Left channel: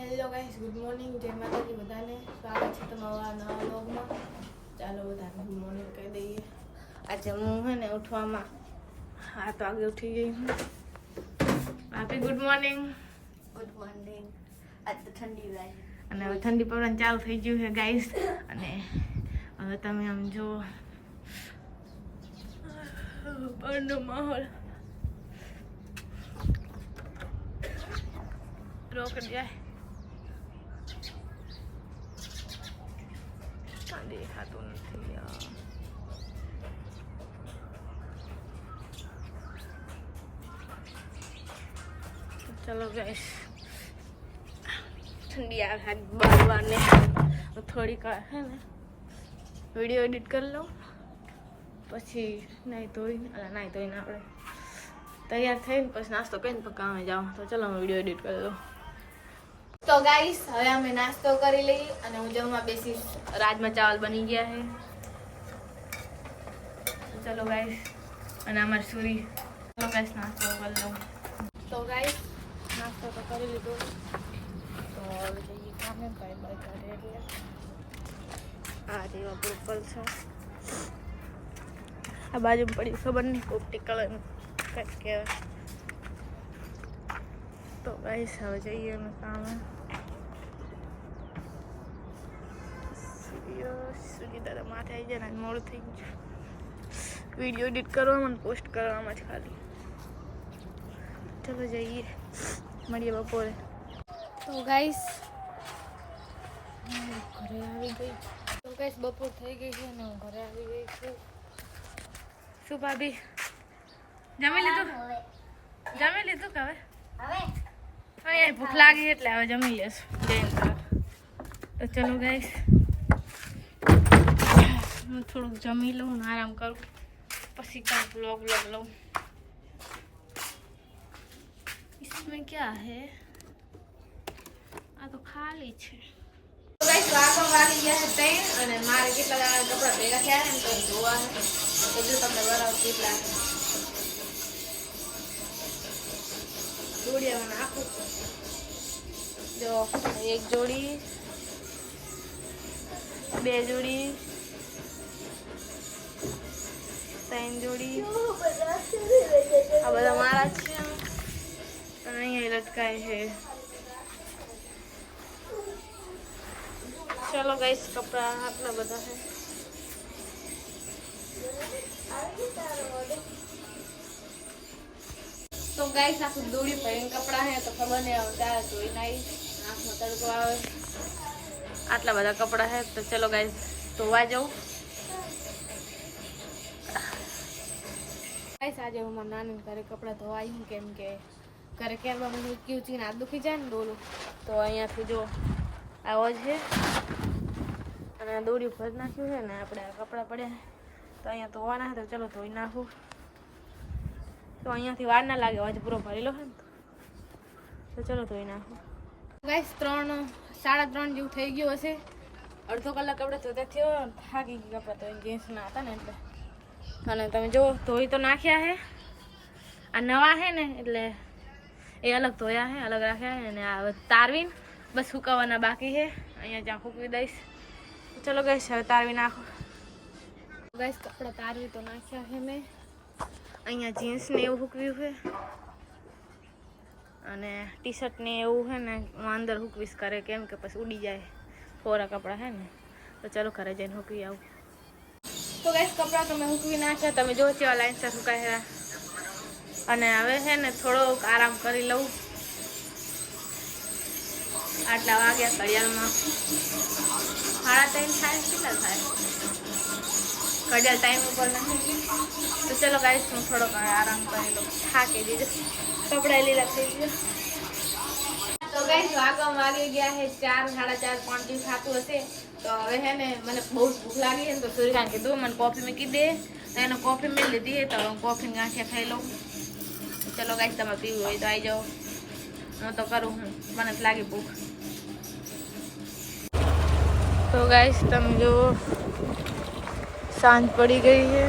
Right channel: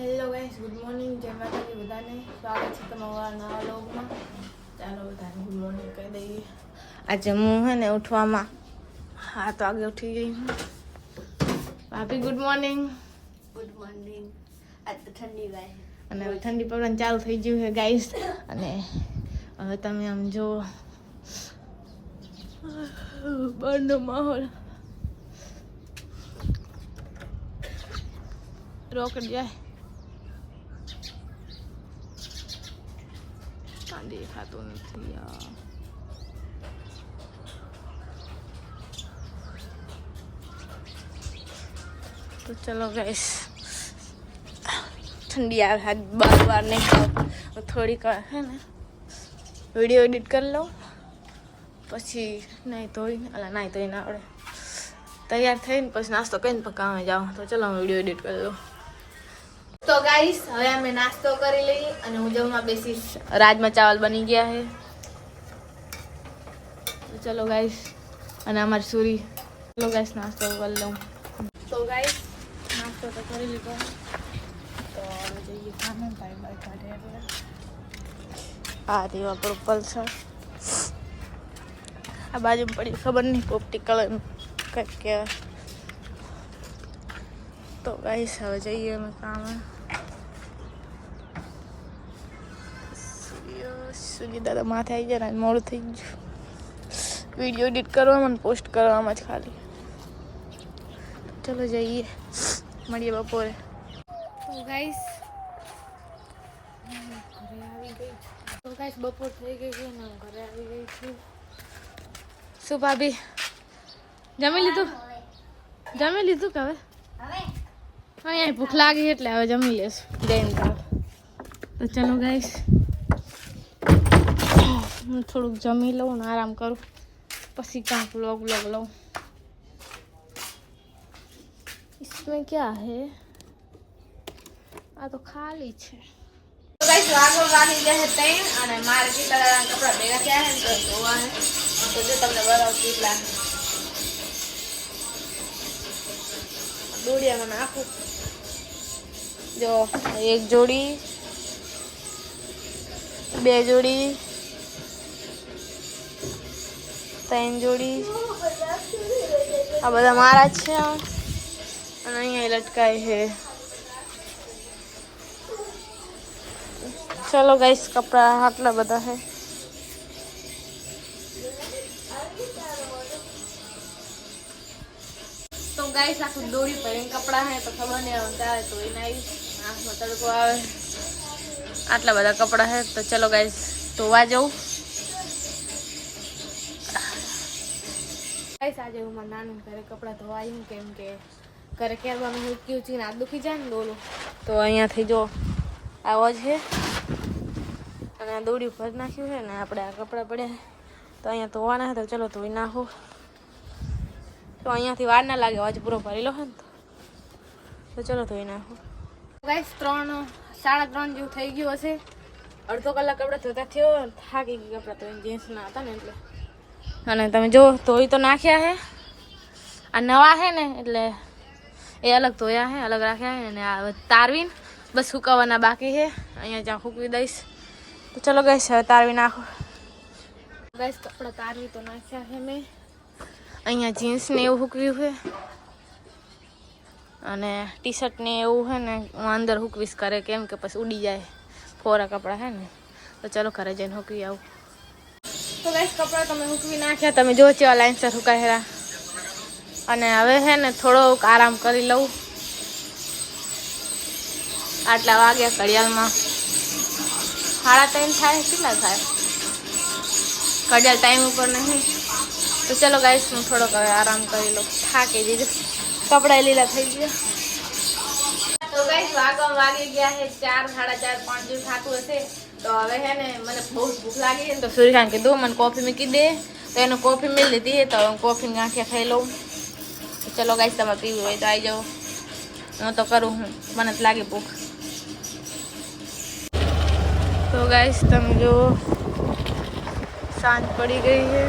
Hello guys good morning જય માતાજી બધાને. સ્વાગત છે તમારા નવા લોગમાં ચાલો બધાને ગુડ મોર્નિંગ કહી દઈએ. આજે હું હે ને ઉઠવામાં હા તો આગે ઉઠી ગઈ હું. ભાભી ગુડ મોર્નિંગ ગુડ મોર્નિંગ આજ તો ઠંડી વાય અને હવે ઠંડી પડવાનું ચાલુ થઈ ગયું છે ગાઈસ અને હવે તમે આમ જો બહારનો માહોલ. રોકડ જાય કાં દેખાતું નથી યાર તો ચલો ગાઈસ ઠંડી આવે આજ બાર વાર ને થોડીક વાર હે ને વિડીયો એડિટ કરી લઉં પછી નાહી ધોઈને અલા નાહી ધોઈને આવડે તૈયાર થઈને પછી નાસ્તો કરીને પછી કામે જાઉં તો ચલો હું વિડીયો એડિટ કરી લઉં તો ગાઈસ હવે અમે નાસ્તો કરી લઈએ અને હું જમવા બેસીશ. રાજમા ચાવલ બની ગયા છે. ચલો ગાઈસ અને અમારી સુરી. ચલો ગાઈસ નાસ્તો કરી લઉં. તો ગાઈસ નાસ્તો તો કરી લીધો. તો આ દીવા પર છે. આ બાજુ પડી ખબર નહીં પોપટી કલર કંઈક કહેવાય. તો ગાઈસ હવે જઈએ અમે કામે સૂર્ય સૂર્ય દાદા માથે આવી ગયા ને મોડું થઈ ગયું વીડિયો એડિટ કરવામાં અને પોસ્ટ કરવામાં જ ખાલી ચલો જઈએ મળીએ બપોરે તો ગાઈસ ઘરે આવી ગઈ તો ગાઈસ બપોર થઈ ગઈ છે ને હું ઘરે આવી ગઈ છું શું ભાભી જમી લીધું જમી લીધું કે હવે હવે હા યાર ભૂખ લાગી એટલે હવે જમી લેશું જઈને તો ચલો ગાઈસ હું થોડુંક જમી લઉં ને આરામ કરું પછી કાંક વ્લોગ વ્લોગ લઉં इसमें क्या है આ તો ખાલી છે તો ગાઈસ વાગો વાગી ગયા છે તઈ અને મારે કેટલા દાડા કપડા ભેગા થયા છે ને તો ધોવા છે તો જો તમને બરાબર કેટલા દોડિયામાં નાખું જો એક જોડી બે જોડી ત્રણ જોડી આ બધા મારા જ છે અને અહીંયા લટકાય છે ચલો ગાઈસ કપડા આટલા બધા છે તો ગાઈસ આખું દોડી પહેરીને કપડા હે તો ખબર નહીં આવે ત્યારે તો એને આવી આંખમાં તડકો આવે આટલા બધા કપડા હે તો ચલો ગાઈસ ધોવા જવું ગાઈસ આજે હું મારા નાની ઘરે કપડાં ધોવાઈ હું કેમ કે ઘરે કેરવા મેં ઉચકી ઉચકીને હાથ દુખી જાય ને ડોલું તો અહીંયાથી જો આવો છે અને આ દોડી ભરી નાખ્યું છે ને આપણે આ કપડાં પડ્યા છે તો અહીંયા ધોવાના હતા ચલો ધોઈ નાખું તો અહીંયાથી વાર ના લાગે આજે પૂરો ભરેલો છે ને તો તો ચલો ધોઈ નાખું ગાઈસ ત્રણ સાડા ત્રણ જેવું થઈ ગયું હશે અડધો કલાક કપડાં ધોતા થયો થાકી ગઈ કપડાં તો જીન્સના હતા ને એટલે અને તમે જો ધોઈ તો નાખ્યા છે આ નવા છે ને એટલે એ અલગ ધોયા છે અલગ રાખ્યા છે અને આ તારવીને બસ સુકાવાના બાકી છે અહીંયા જ્યાં સૂકવી દઈશ તો ચલો ગઈશ હવે તારવી નાખો ગઈશ કપડાં તારવી તો નાખ્યા છે મેં અહીંયા જીન્સને એવું હૂકવ્યું છે. અને ટી શર્ટને એવું છે ને, હું અંદર હૂકવીશ કરે કેમ કે પછી ઉડી જાય. ફોરા કપડાં છે ને, તો ચાલો ઘરે જઈને હૂકવી આવું. તો ગઈશ કપડાં તમે હૂકવી નાખ્યા, તમે જો ચેવા લાઇન્સર સુકાયેલા અને હવે છે ને થોડોક આરામ કરી લઉં. આટલા વાગ્યા ઘડિયાળમાં. સાડા ત્રણ થાય, કેટલા થાય? ઘડિયાળ ટાઈમ ઉપર નહીં. તો ચલો ગાઈસ હું થોડોક હવે આરામ કરી લઉં થાકી દીધું કપડાં લીલા થઈ ગયા તો ગાઈસ વાગવામાં વાગી ગયા છે ચાર સાડા ચાર પાંચ જેવું થતું હશે તો હવે હે ને મને બહુ જ ભૂખ લાગી છે ને તો સૂર્યકાંત કીધું મને કોફી મૂકી દે તો એને કોફી મેળ લીધી તો હું કોફી ગાંઠિયા ખાઈ લઉં ચલો ગાઈસ તમે પીવું હોય તો આવી જાઓ હું તો કરું હું મને તો લાગે ભૂખ તો ગાઈસ તમે જો સાંજ પડી ગઈ છે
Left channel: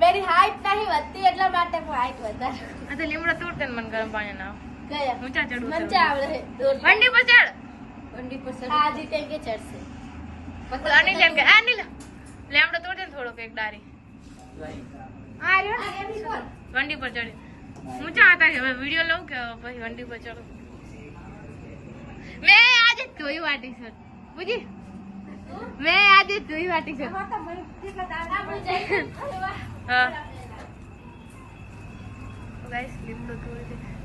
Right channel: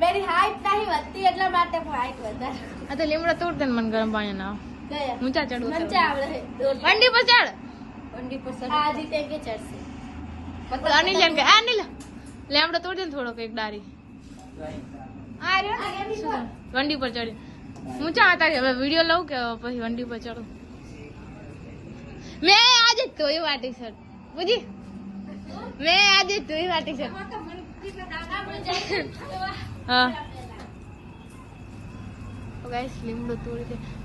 મેરી હાઈટ નહીં વધતી એટલા માટે હું હાઈટ વધારે આ તો લીમડો તોડ દે ને મને ગરમ પાણી નાવ ગયા ઊંચા ચડવું મને છે. આવડે છે દોડ વંડી પર ચડ વંડી પર ચડ આ રીતે કે ચડશે અનિલ એમ કે આ અનિલ લેમડો તોડ દે ને થોડોક એક ડારી આ રહ્યો ને. વંડી પર ચડી ઊંચા હતા કે હવે વિડિયો લઉં કે પછી વંડી પર ચડું મેં આજે જ ધોઈ વાટી સર પૂજી મેં આજે જ ધોઈ વાટી સર હા.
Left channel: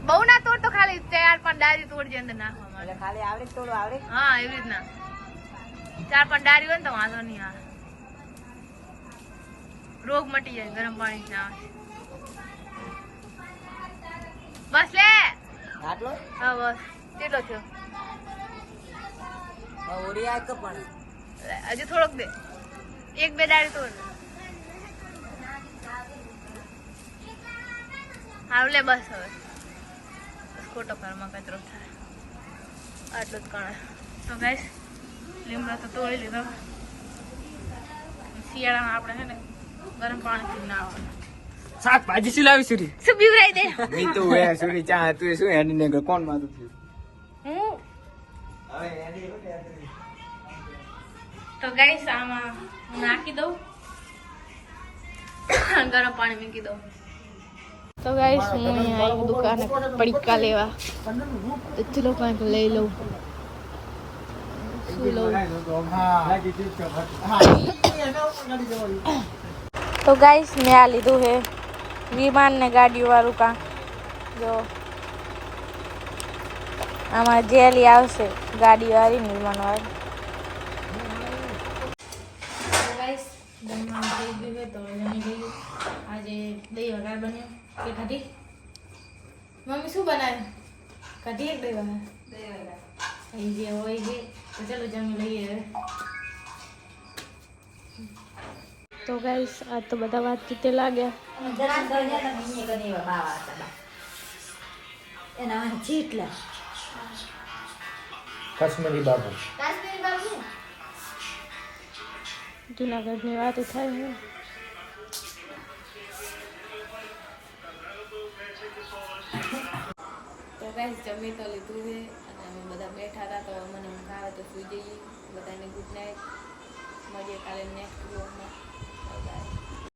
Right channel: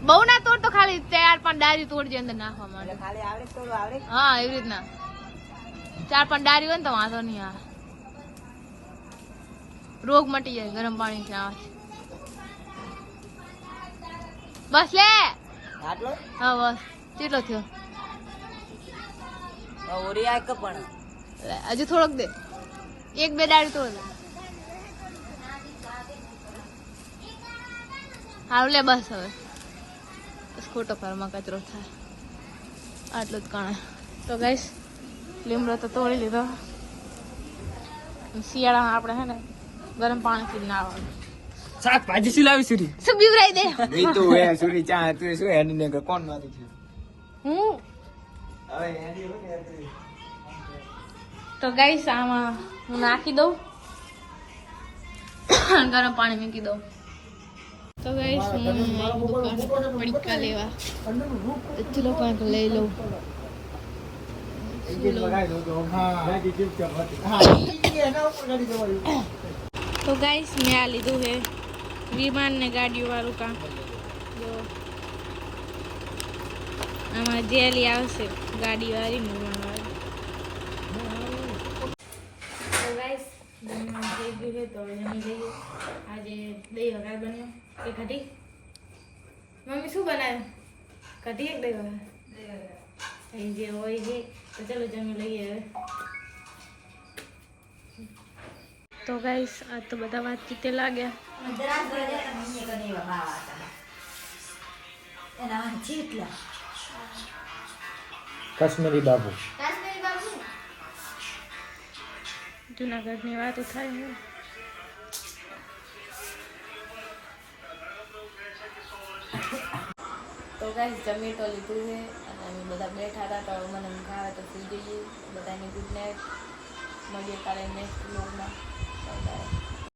બહુ ના તોડ તો ખાલી ચાર પાંચ ડારી તોડજે અંદર નાખવા માટે ખાલી આવડે થોડું આવડે? હા એવી રીતના. ચાર પાંચ ડારી હોય ને તો વાંધો નહીં આવે. રોગ મટી જાય ગરમ પાણી થી આવે. બસ લે. આટલો? હા બસ. કેટલો થયો? ઓરી આ પણ? હજુ થોડોક દે. એક બે ડાળી તોડ. હારું લે બસ હવે. ખોટો ઘરમાં કચરો થાય. આટલું જ કણ. તો ગઈશ લીમડો તો તોડી લીધો. શિયાળામાં આપણે હે ને ગરમ પાણીથી નાવાનું શાકભાજી શું લાવી સુરી શું બીવરાઈ દે? એ તો હે સુરી ચા તું શું એની ને કોણ માંગુ છું? હું? તો ગઈશ આમાં હું નાખી દઉં. ગરમ પાણી મૂકી દઉં. તો ગાઈશ હું અહીંયા આવી દુકાને પડીકા લેવા. એટલો કંઈક લઈ લઉં. તો ગાઈશ મેં આ લીધું હે વિમાન ને ગાડીઓ વાળું કાં જો. આમાં જેલી આવશે, ગાડી વાળી વિમાન વાળી તો ગાઈસ જમવાનું થઈ ગયું છે તો જમી લઈએ આજે દહીં વઘાર બન્યો. કે કઢી મમ્મી શું બનાવ્યું કઢી એક દહીં વઘાર. એ જે હોય છે તો ચલો જમી લઈએ હવે. તો ગાઈસ આ તો બધા વાત કીતે લાગ્યા. કાશ્મીરી બાબુ. કાશ્મીરી બાબુ? જુનાગઢની વાતો થાય ને તો ગાઈસ જમી તો લીધું છે અને અમે બધા બેઠા હતા તો મને ઊંઘ આવે તો સુઈ જઈએ બધાને ગુડ નાઇટ મળીએ કાલે નેક્સ્ટ વ્લોગમાં બાય બાય